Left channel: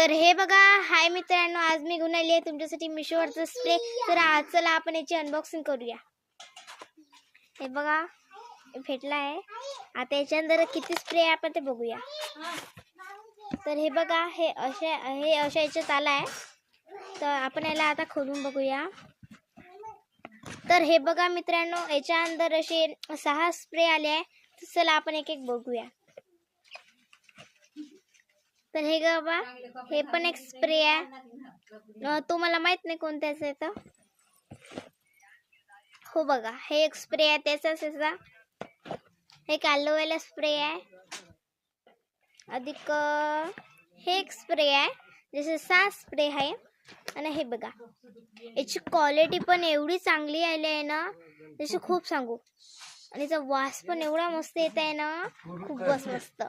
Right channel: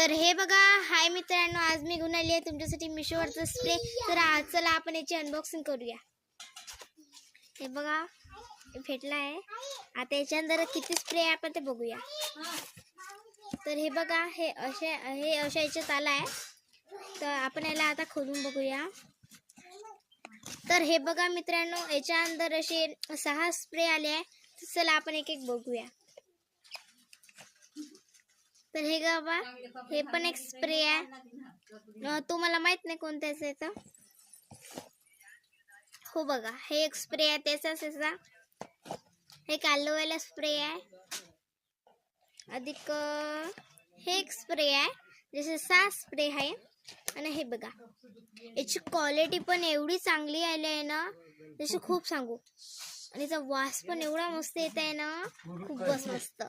तर हे बघा, हाय मित्रांनो, आज मी घेऊन आली आहे तुमच्यासाठी मिशोवरचा स्प्रे. तर आज चला आपण याची अनबॉक्सिंग करूया. हे बघा, भेटला आहे. आता याच्या अंदर किती स्प्रे आहे आपण ते बघूया. तर हे बघा, हे अशा याच्यात आला आहे. तर आपण याला आता खोलून बघूया. तर हे बघा मित्रांनो, याच्या अंदर असे 6 स्प्रे आले आहे. चला आपण एक एक बघूया. तर हे बघा, हे पण एक स्प्रे आहे. तो मला माहित नाही कोणत्याच आहे तर. हो बघा, हे एक स्प्रे आहे त्याचाच याचा. हे ॲलोवेरा स्प्रे आहे. अधिक हे एक स्प्रे आहे. जसे 6 स्प्रे आहे. आणि हे बघा, याची क्वालिटी पण एवढी चांगली आली आहे ना, जसे खूप सांगू. आणि याचा वास पण एवढा मस्त येत आहे ना, खूपच मस्त.